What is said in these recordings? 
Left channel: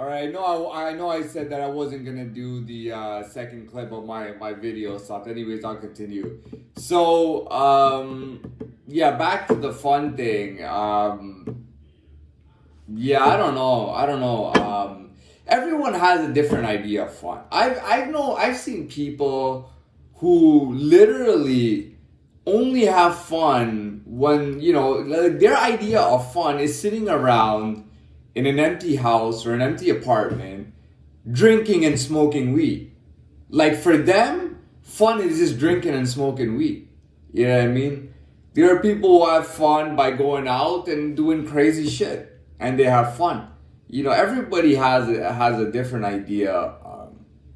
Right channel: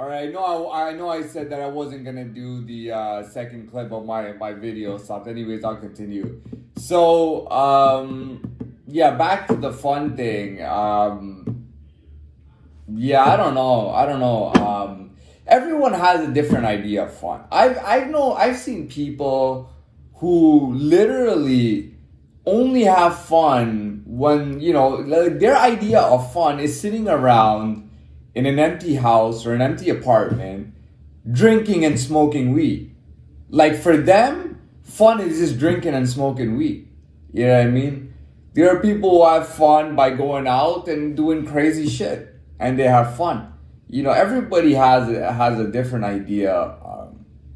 All right, no, I know I said that I wasn't gonna do the second clip of my video stuff. Anyways, I'll continue. So, yeah, back to the fun thing. Yeah, I don't know. Everyone has a different idea of fun. I've seen people who literally only have fun when, you know, like their idea of fun is sitting around in an empty house or an empty apartment, drinking and smoking weed. Like for them, fun is just drinking and smoking weed. You know what I mean? There are people who have fun by going out and doing crazy shit, and they have fun. You know, everybody has a different idea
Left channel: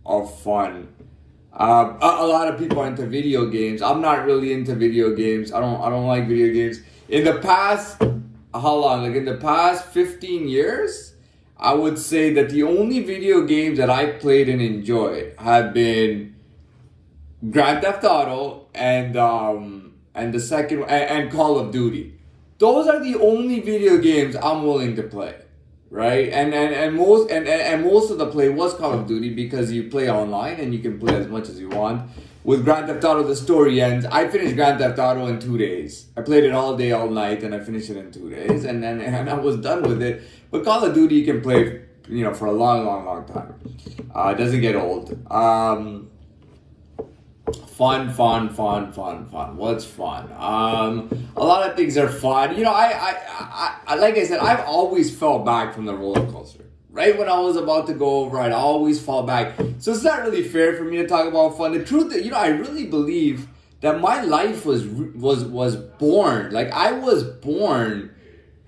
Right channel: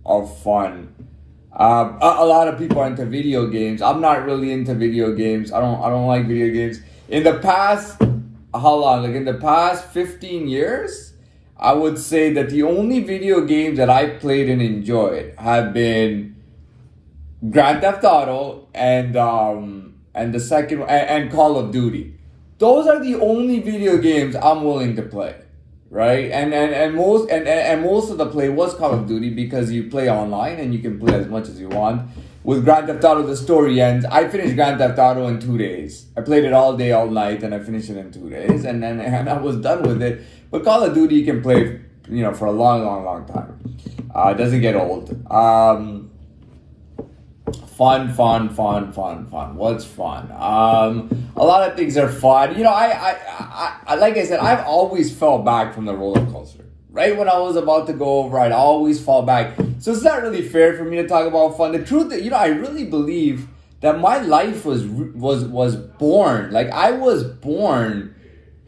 of fun. A lot of people are into video games. I'm not really into video games. I don't like video games. In the past, how long? Like in the past 15 years, I would say that the only video games that I've played and enjoyed have been Grand Theft Auto and the second and Call of Duty. Those are the only video games I'm willing to play, right? And most of the play was Call of Duty because you play online and you can play as much as you want. With Grand Theft Auto, the story ends. I finished Grand Theft Auto in 2 days. I played it all day, all night, and I finished it in 2 days, and I was done with it. But Call of Duty, you can play, you know, for a long time. It doesn't get old. Fun. What's fun? A lot of things are fun. You know, I like I said, I've always fell back from the roller coaster. Right when I was about to go over, I'd always fall back. So it's not really fair for me to talk about fun. The truth is, you know, I really believe that my life was born. Like I was born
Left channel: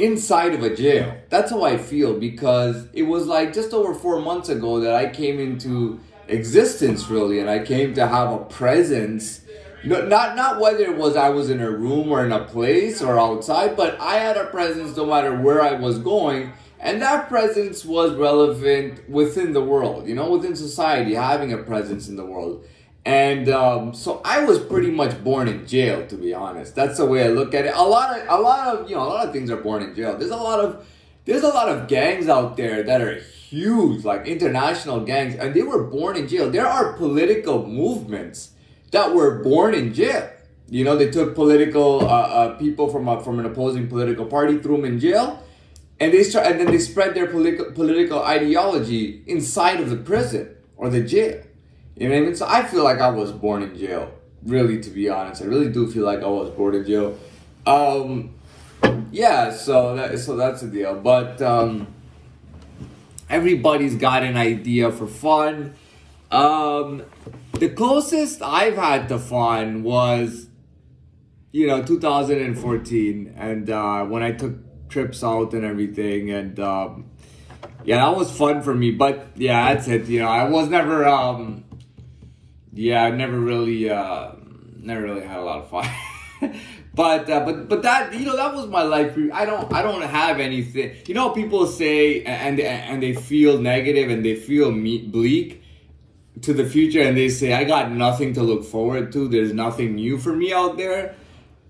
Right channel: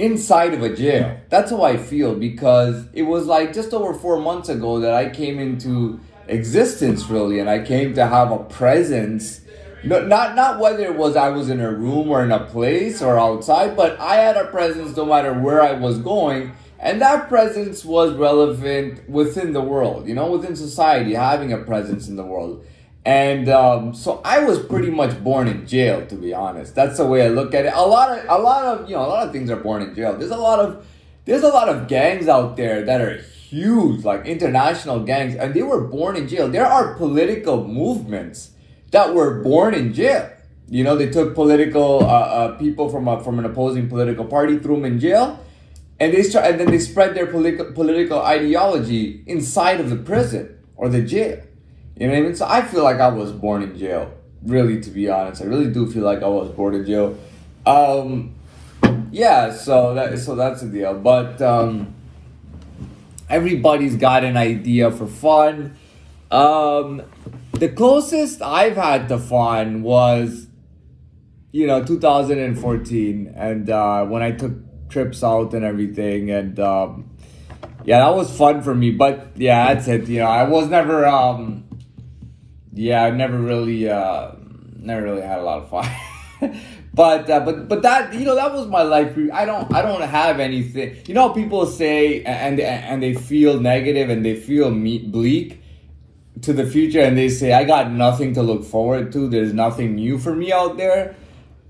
inside of a jail. That's how I feel, because it was like just over 4 months ago that I came into existence, really, and I came to have a presence. Not whether it was I was in a room or in a place or outside, but I had a presence no matter where I was going. And that presence was relevant within the world, you know, within society, having a presence in the world. And so I was pretty much born in jail, to be honest. That's the way I look at it. A lot of things are born in jail. There's a lot of gangs out there that are huge, like international gangs, and they were born in jail. There are political movements that were born in jail. You know, they took political people from an opposing political party, threw them in jail. And then they spread their political ideology inside of the prison or the jail. You know what I mean? So I feel like I was born in jail, really, to be honest. I really do feel like I was born in jail. Yeah, so that's the deal. But everybody's got an idea for fun. The closest I've had to fun was, you know, 2014, and when I took trips out and everything, and yeah, that was fun for me. But yeah, that's it. You know, I was never yeah, I never really had a lot of fun. but that, you know, that was my life. I don't have anything. You know, people say and they feel negative and they feel bleak to the future, and they say I got nothing to look forward to. There's nothing new for me out there.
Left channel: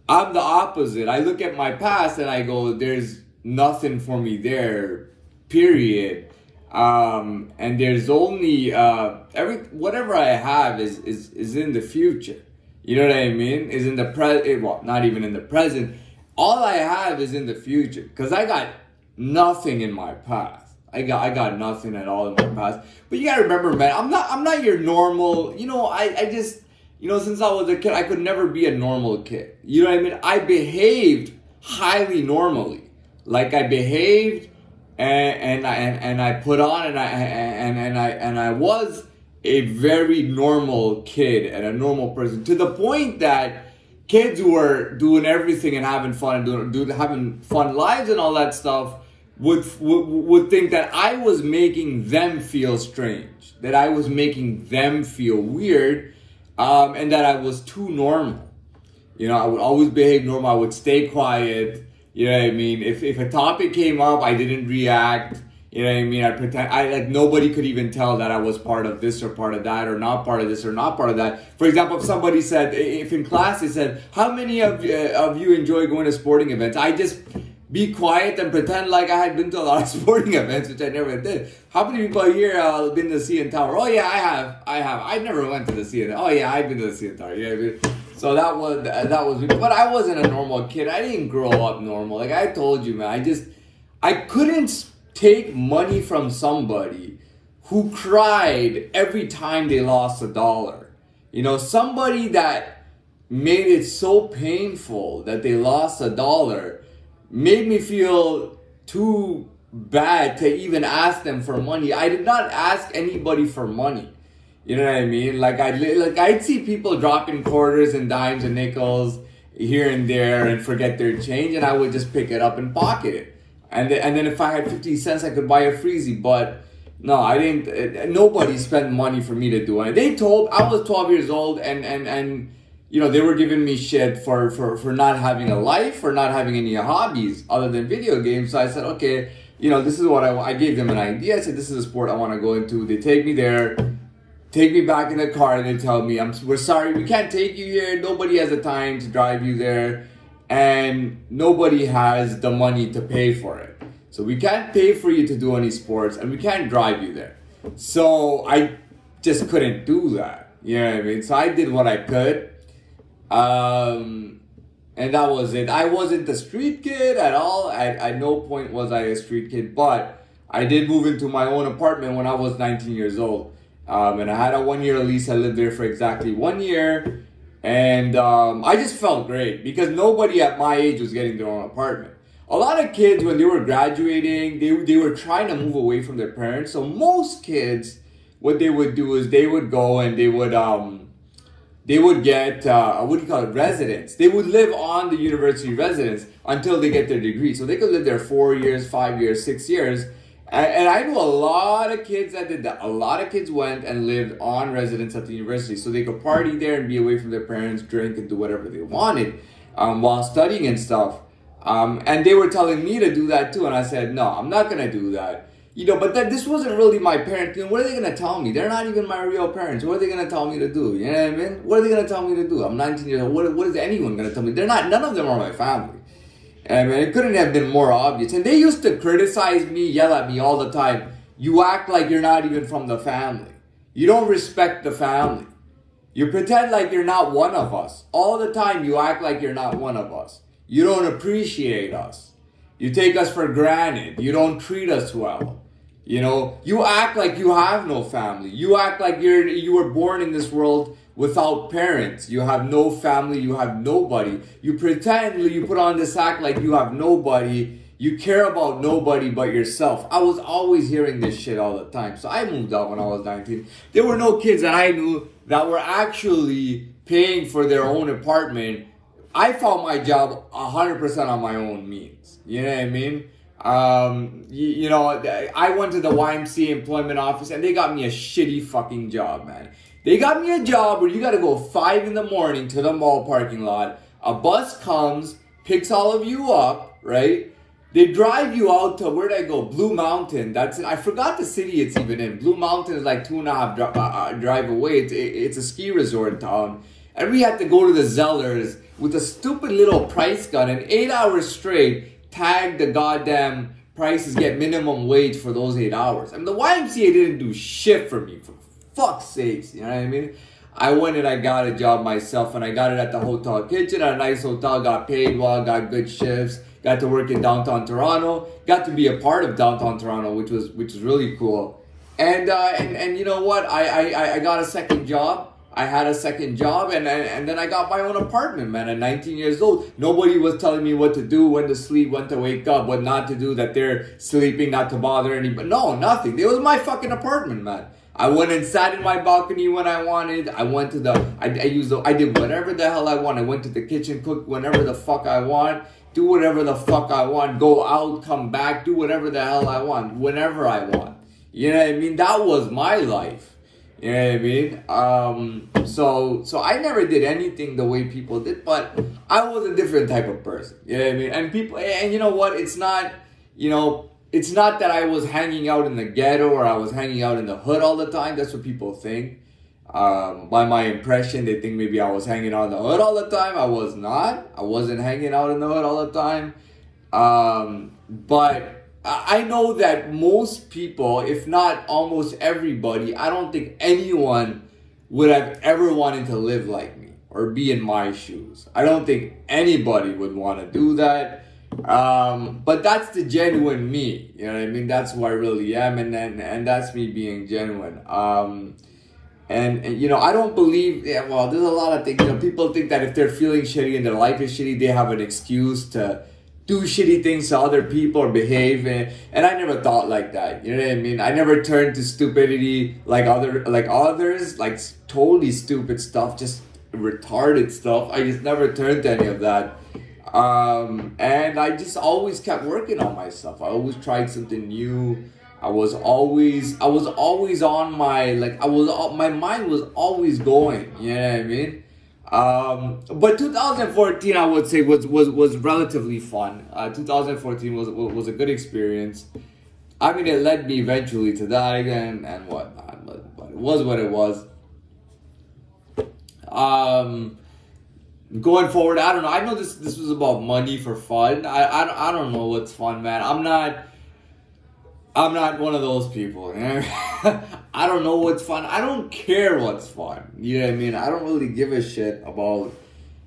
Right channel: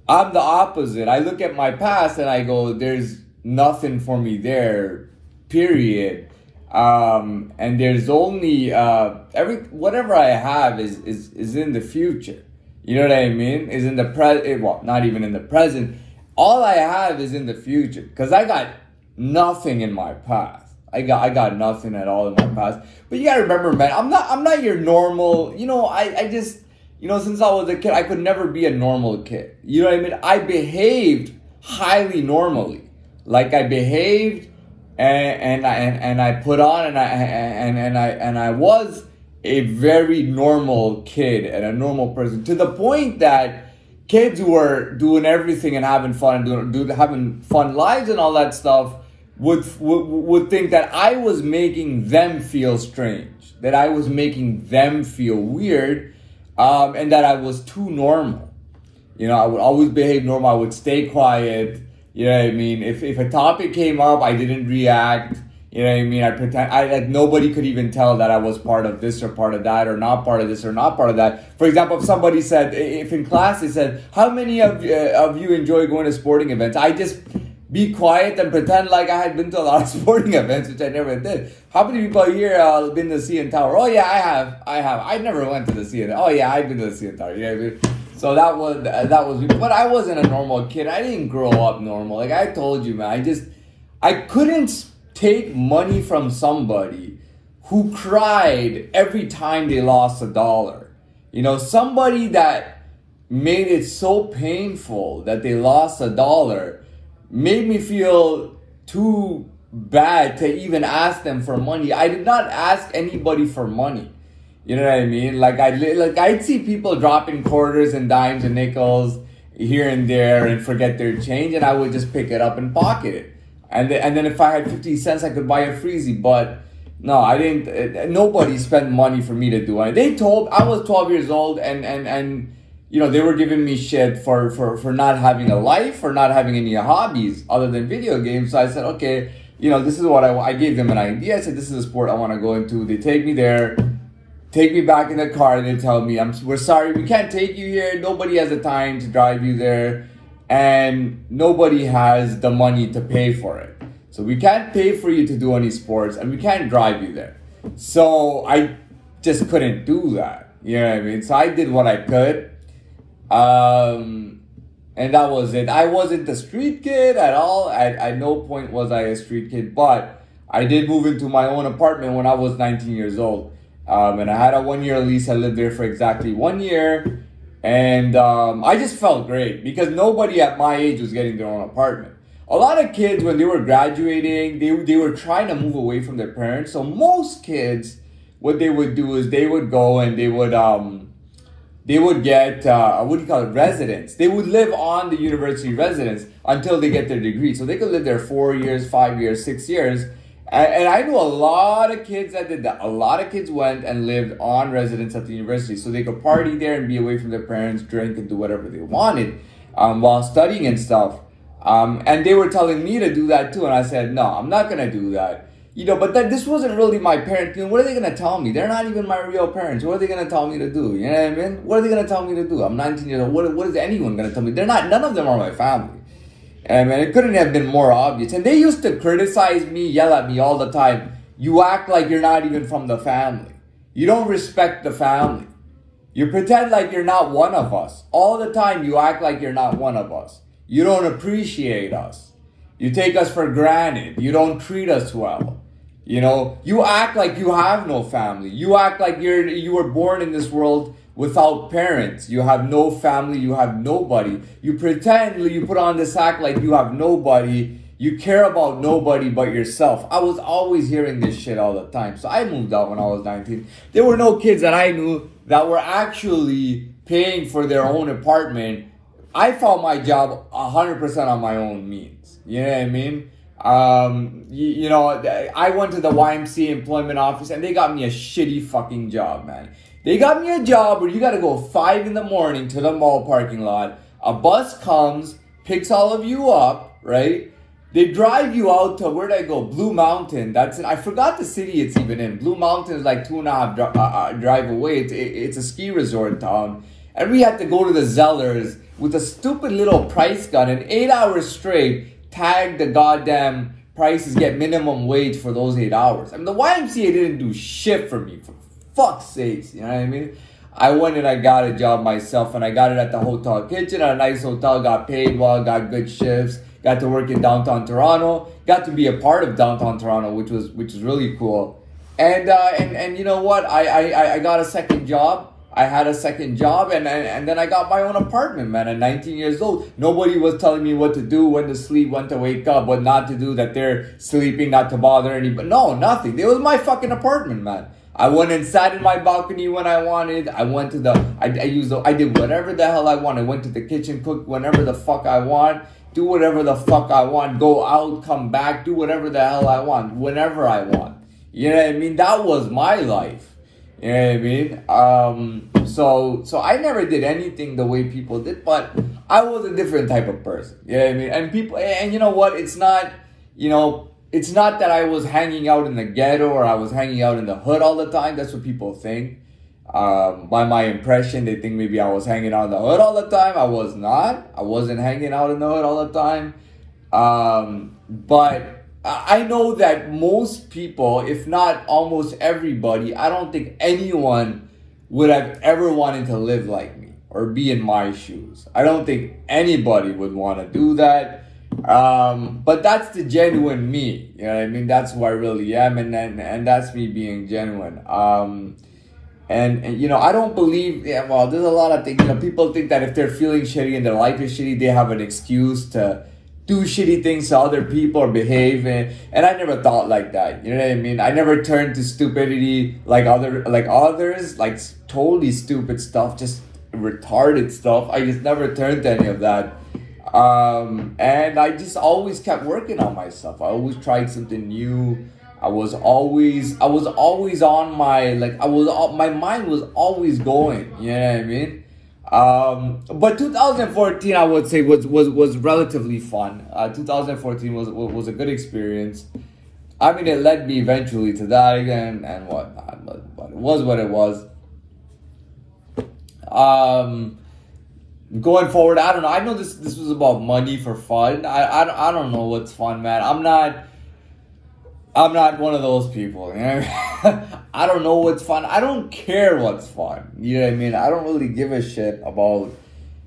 I'm the opposite. I look at my past and I go, there's nothing for me there, period. And there's only, whatever I have is in the future. You know what I mean? Is in the present, well, not even in the present. All I have is in the future, because I got nothing in my past. I got nothing at all in my past. But you gotta remember, man, I'm not your normal, you know, I just, you know, since I was a kid, I could never be a normal kid. You know what I mean? I behaved highly normally. Like I behaved and I put on and I was a very normal kid and a normal person, to the point that kids who were doing everything and having fun and having fun lives and all that stuff would think that I was making them feel strange, that I was making them feel weird. And that I was too normal. You know, I would always behave normal. I would stay quiet. You know what I mean? If a topic came up, I didn't react. You know what I mean? I pretend, like nobody could even tell that I was part of this or part of that, or not part of this or not part of that. For example, if somebody said, if in class they said, how many of you enjoy going to sporting events? I just be quiet and pretend like I had been to a lot of sporting events, which I never did. How many people here been to the CN Tower? Oh yeah, I have. I never went to the CN. Oh yeah, I've been to the CN Tower. You know what I mean? So that was, but I wasn't a normal kid. I didn't grow up normal. Like I told you, man, I couldn't take money from somebody who cried every time they lost $1. You know, somebody that made it so painful that they lost $1 made me feel too bad to even ask them for money. I did not ask anybody for money. You know what I mean? Like I'd see people dropping quarters and dimes and nickels here and there and forget their change, and I would just pick it up and pocket it. And then if I had 50 cents, I could buy a freezy. But no, I didn't. Nobody spent money for me to do it. I was 12 years old, and you know, they were giving me shit for not having a life, for not having any hobbies other than video games. So I said, okay, you know, this is what I gave them an idea. I said, this is a sport I want to go into. They take me there, take me back in the car, and they tell me, we're sorry, we can't take you here. Nobody has the time to drive you there, and nobody has the money to pay for it. So we can't pay for you to do any sports, and we can't drive you there. So I just couldn't do that. You know what I mean? So I did what I could. And that was it. I wasn't a street kid at all. At no point was I a street kid, but I did move into my own apartment when I was 19 years old. And I had a 1-year lease. I lived there for exactly 1 year. And I just felt great because nobody at my age was getting their own apartment. A lot of kids, when they were graduating, they were trying to move away from their parents. So most kids, what they would do is they would go and they would get, residence. They would live on the university residence until they get their degree. So they could live there 4 years, 5 years, 6 years. And I knew a lot of kids that did that. A lot of kids went and lived on residence at the university so they could party there and be away from their parents, drink and do whatever they wanted while studying and stuff. And they were telling me to do that too. And I said, no, I'm not going to do that. You know, but this wasn't really my parents. You know, what are they going to tell me? They're not even my real parents. What are they going to tell me to do? You know what I mean? What are they going to tell me to do? I'm 19 years old. What is anyone going to tell me? None of them are my family. And I mean, it couldn't have been more obvious. And they used to criticize me, yell at me all the time. You act like you're not even from the family. You don't respect the family. You pretend like you're not one of us. All the time you act like you're not one of us. You don't appreciate us. You take us for granted. You don't treat us well. You know, you act like you have no family. You act like you were born in this world without parents. You have no family. You have nobody. You pretend, you put on this act like you have nobody. You care about nobody but yourself. I was always hearing this shit all the time. So I moved out when I was 19. There were no kids that I knew that were actually paying for their own apartment. I found my job 100% on my own means. You know what I mean? You know, I went to the YMCA employment office and they got me a shitty fucking job, man. They got me a job where you got to go 5 in the morning to the mall parking lot. A bus comes, picks all of you up, right? They drive you out to, where'd I go? Blue Mountain. That's it. I forgot the city it's even in. Blue Mountain is like 2.5 drive away. It's a ski resort town. And we had to go to the Zellers with a stupid little price gun and 8 hours straight tag the goddamn prices, get minimum wage for those 8 hours. I mean, the YMCA didn't do shit for me, for fuck's sakes, you know what I mean? I went and I got a job myself, and I got it at the hotel kitchen at a nice hotel, got paid well, got good shifts, got to work in downtown Toronto, got to be a part of downtown Toronto, which was really cool. And you know what? I got a second job. I had a second job, and then I got my own apartment, man, at 19 years old. Nobody was telling me what to do, when to sleep, when to wake up, what not to do, that they're sleeping, not to bother anybody. No, nothing. It was my fucking apartment, man. I went and sat in my balcony when I wanted. I went to I did whatever the hell I wanted. I went to the kitchen, cook whenever the fuck I want, do whatever the fuck I want, go out, come back, do whatever the hell I want, whenever I want. You know what I mean? That was my life. You know what I mean? So I never did anything the way people did, but I was a different type of person. You know what I mean? And you know what? It's not, you know, it's not that I was hanging out in the ghetto or I was hanging out in the hood all the time. That's what people think. By my impression, they think maybe I was hanging out in the hood all the time. I was not. I wasn't hanging out in the hood all the time. But I know that most people, if not almost everybody, I don't think anyone would have ever wanted to live like me or be in my shoes. I don't think anybody would want to do that. But that's the genuine me. You know what I mean? That's who I really am, and that's me being genuine. And you know, I don't believe, yeah, well, there's a lot of things, you know, people think that if they're feeling shitty and their life is shitty, they have an excuse to do shitty things to other people or behave, and I never thought like that. You know what I mean? I never turned to stupidity like others, like totally stupid stuff, just retarded stuff. I just never turned to any of that. And I just always kept working on myself. I always tried something new. I was always on my, like, my mind was always going, you know what I mean? But 2014, I would say, was relatively fun. 2014 was a good experience. I mean, it led me eventually to that again and whatnot, but it was what it was. Going forward, I don't know. I know this was about money for fun. I don't know what's fun, man. I'm not one of those people, you know? I don't know what's fun. I don't care what's fun. You know what I mean? I don't really give a shit about,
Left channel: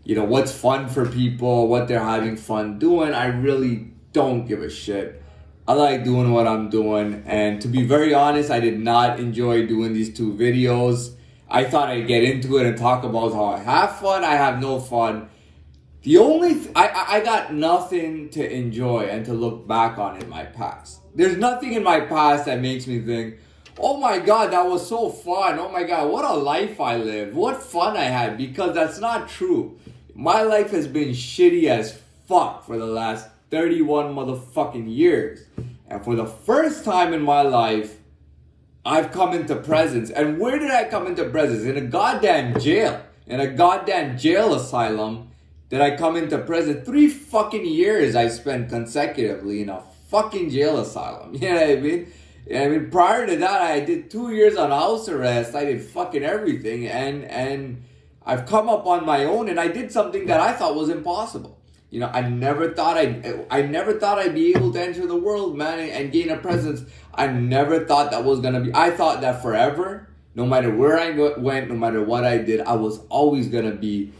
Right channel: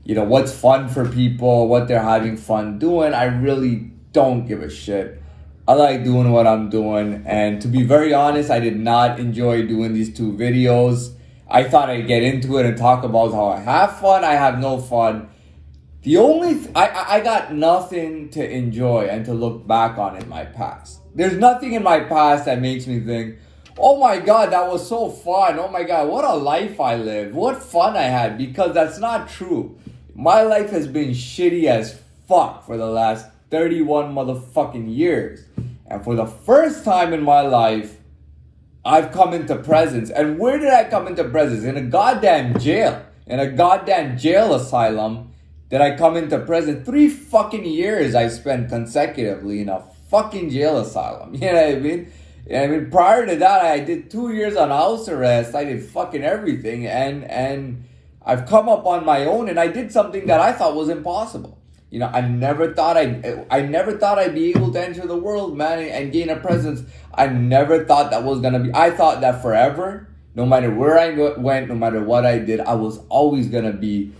you know, what's fun for people, what they're having fun doing. I really don't give a shit. I like doing what I'm doing. And to be very honest, I did not enjoy doing these 2 videos. I thought I'd get into it and talk about how I have fun. I have no fun. The only, I got nothing to enjoy and to look back on in my past. There's nothing in my past that makes me think, oh my God, that was so fun. Oh my God, what a life I lived. What fun I had, because that's not true. My life has been shitty as fuck for the last 31 motherfucking years. And for the first time in my life, I've come into presence. And where did I come into presence? In a goddamn jail. In a goddamn jail asylum. Did I come into prison? 3 fucking years I spent consecutively in a fucking jail asylum. You know what I mean? I mean, prior to that, I did 2 years on house arrest. I did fucking everything. And I've come up on my own, and I did something that I thought was impossible. You know, I never thought I'd be able to enter the world, man, and gain a presence. I never thought that was gonna be. I thought that forever, no matter where I went, no matter what I did, I was always gonna be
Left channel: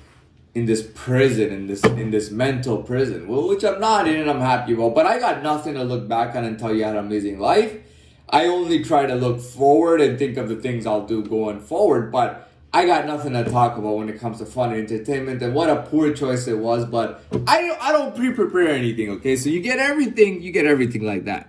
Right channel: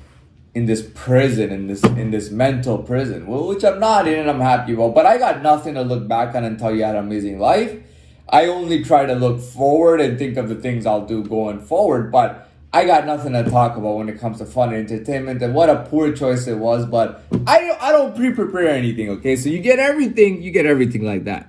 in this prison, in this mental prison, which I'm not in, and I'm happy about. But I got nothing to look back on and tell you I had an amazing life. I only try to look forward and think of the things I'll do going forward. But I got nothing to talk about when it comes to fun and entertainment. And what a poor choice it was. But I don't pre-prepare anything. Okay, so you get everything like that.